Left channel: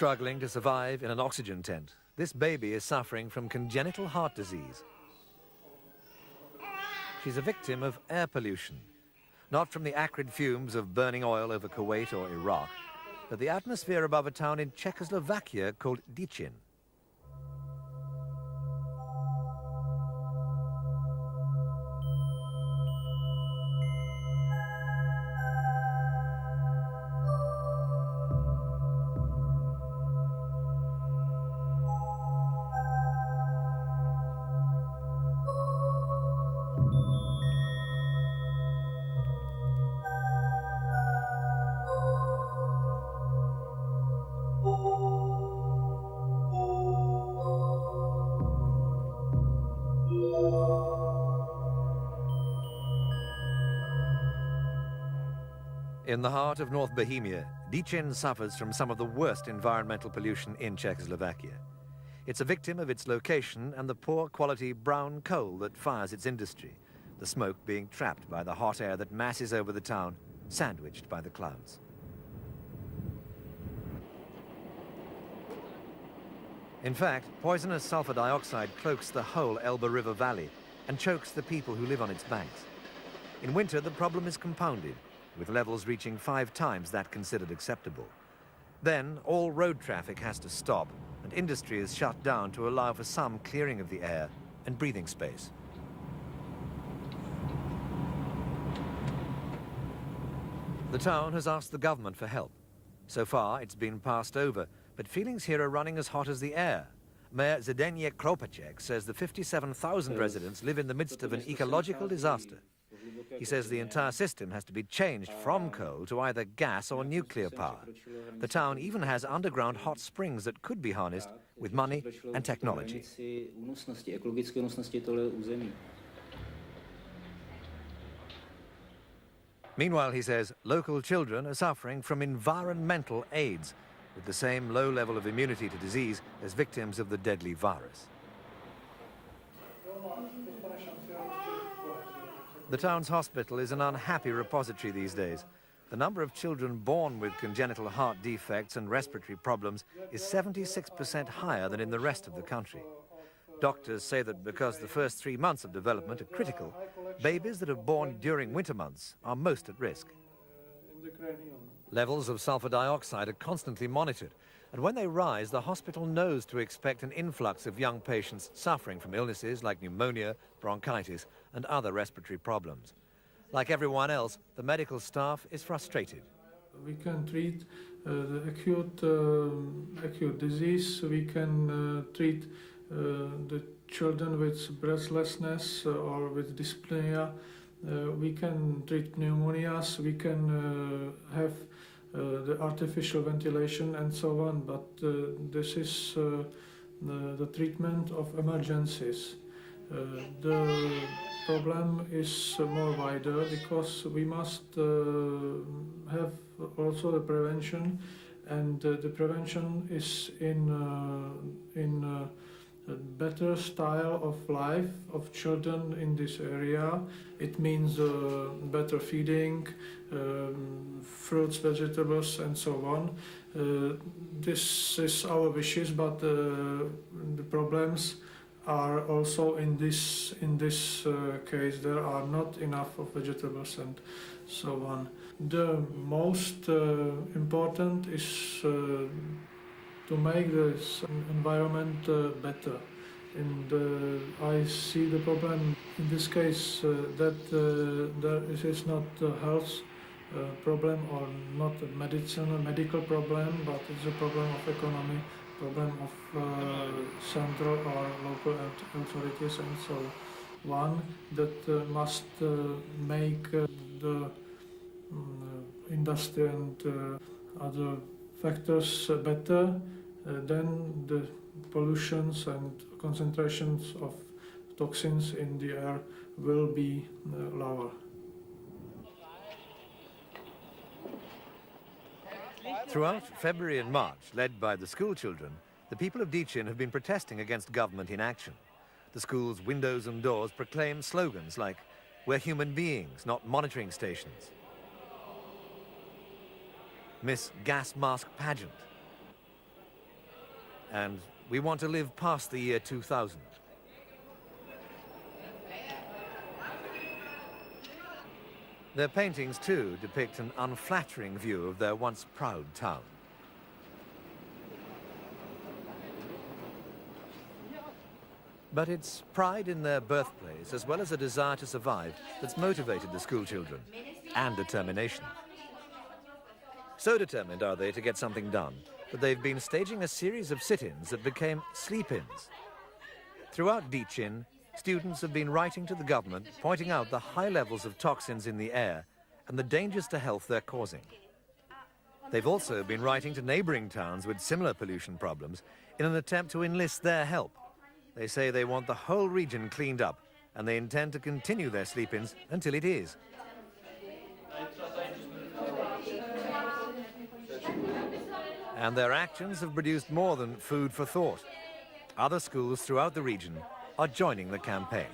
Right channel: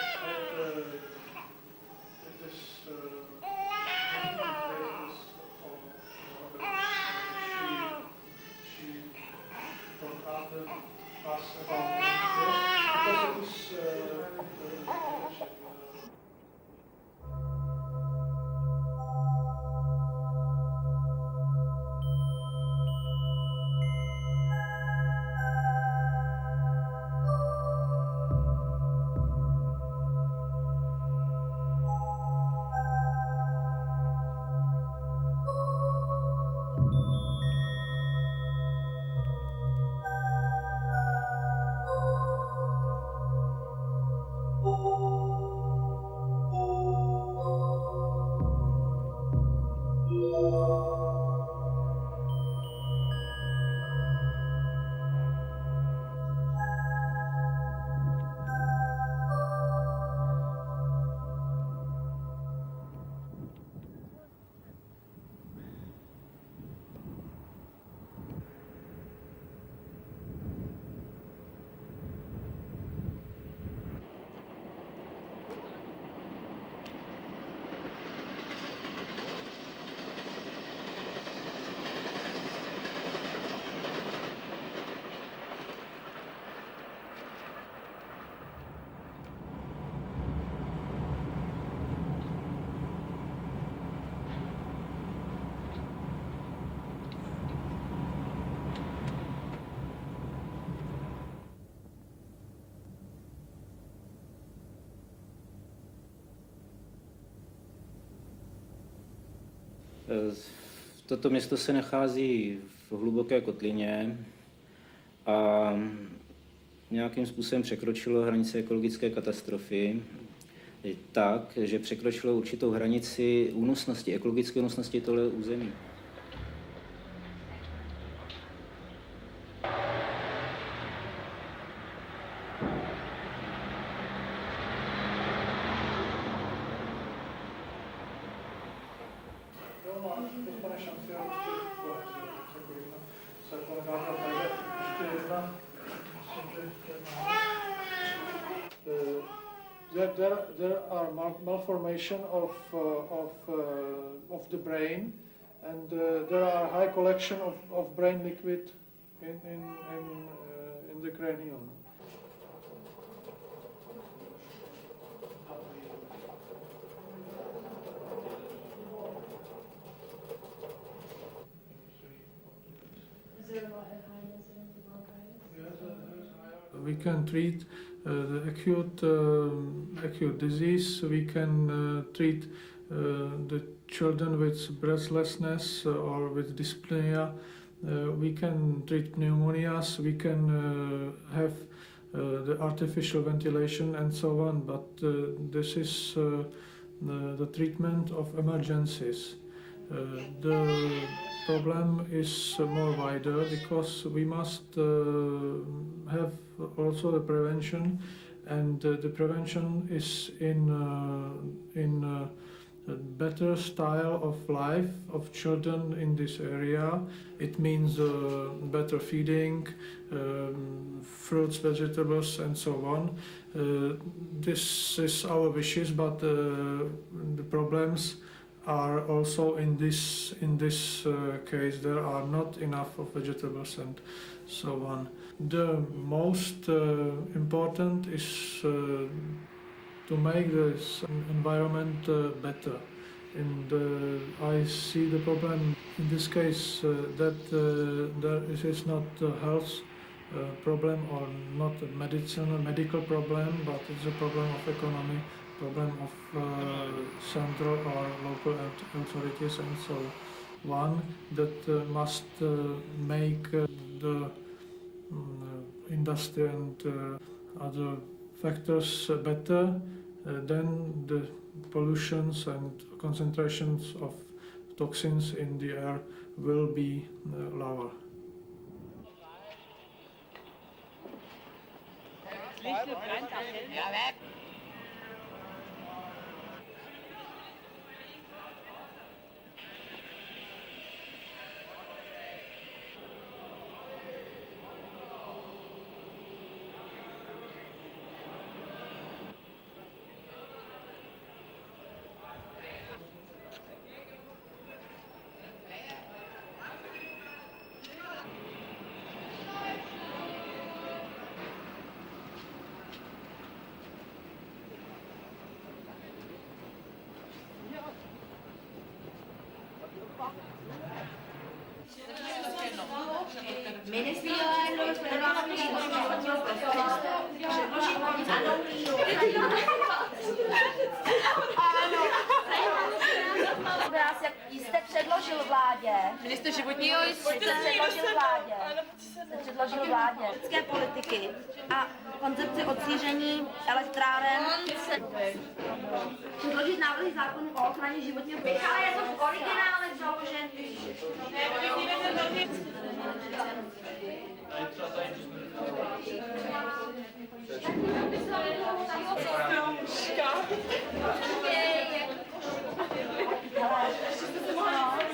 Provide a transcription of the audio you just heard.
Struggling to survive in an oxygen tent, this baby is suffering from congenital heart disease. She's a victim of air pollution, not from the acrid fumes of burning oil over Kuwait or Iraq, but the atmosphere above a town in Czechoslovakia called Decin. In the heart of North Bohemia, Decin suffers from some of the worst environmental pollution in Czechoslovakia. It's a victim of its location and the poor quality brown coal that fires its industry, the smoke being trapped by the hot air that masses over the town, sandwiched by the clouds. In fact, poisonous sulfur dioxide cloaks the whole Elbe River valley and chokes the people who live on its banks. In winter, the problem is compounded, with levels reaching 5 times that considered acceptable. Then, all road traffic has to stop. Industry is shut down to allow for some clearing of the air and breathing space. The town has asked the government for help. So far, it's been passed over, but feelings here are running as hot as the air. Mayor Zdeněk Kropacek says the 57,000 residents live in the midst of an ecological disaster. He says the entire system has to be changed from coal to either gas or nuclear power. The town even has underground hot springs that could be harnessed with money and technology. Meanwhile, he says, local children are suffering from environmental AIDS, the same low level of immunity to disease as victims of the deadly virus. The town's hospital is an unhappy repository these days. The number of children born with congenital heart defects and respiratory problems is 76% higher than in the rest of the country. Doctors say that because the first 3 months of development are critical, babies that are born during winter months are most at risk. Levels of sulfur dioxide are constantly monitored, and when they rise, the hospital knows to expect an influx of young patients suffering from illnesses like pneumonia, bronchitis, and other respiratory problems. Like everyone else, the medical staff is frustrated. We can treat the acute disease. We can treat the children with breathlessness or with dyspnea. We can treat pneumonias. We can have the artificial ventilation and so on. But this is the treatment of emergencies. The problem is more wider because we must have also the prevention, and the prevention is in a better style of life of children in this area. It means better feeding, fruits, vegetables, and so on. This is our wishes, but the problems are also in this case. There are not enough of vegetables and so on. The most important is to make this environment better. And I see the problem in this case that it is not a health problem or not a medical problem, but it's a problem of economy, problem of central or local authorities and so on, that must make the industry and other factors better, then the pollutions and concentrations of toxins in the air will be lower. Throughout February and March, led by the school children, the people of Decin have been protesting against government inaction. The school's windows and doors proclaim slogans like, "We're human beings, not monitoring stations." Miss Gas Mask Pageant. and we want to live past the year 2000. Their paintings, too, depict an unflattering view of their once proud town. But it's pride in their birthplace, as well as a desire to survive, that's motivated the schoolchildren, and determination. So determined are they to get something done, that they've been staging a series of sit-ins that became sleep-ins. Throughout Decin, students have been writing to the government, pointing out the high levels of toxins in the air and the dangers to health they're causing. They've also been writing to neighbouring towns with similar pollution problems in an attempt to enlist their help. They say they want the whole region cleaned up, and they intend to continue their sleep-ins until it is. And their actions have produced more than food for thought. Other schools throughout the region are joining the campaign.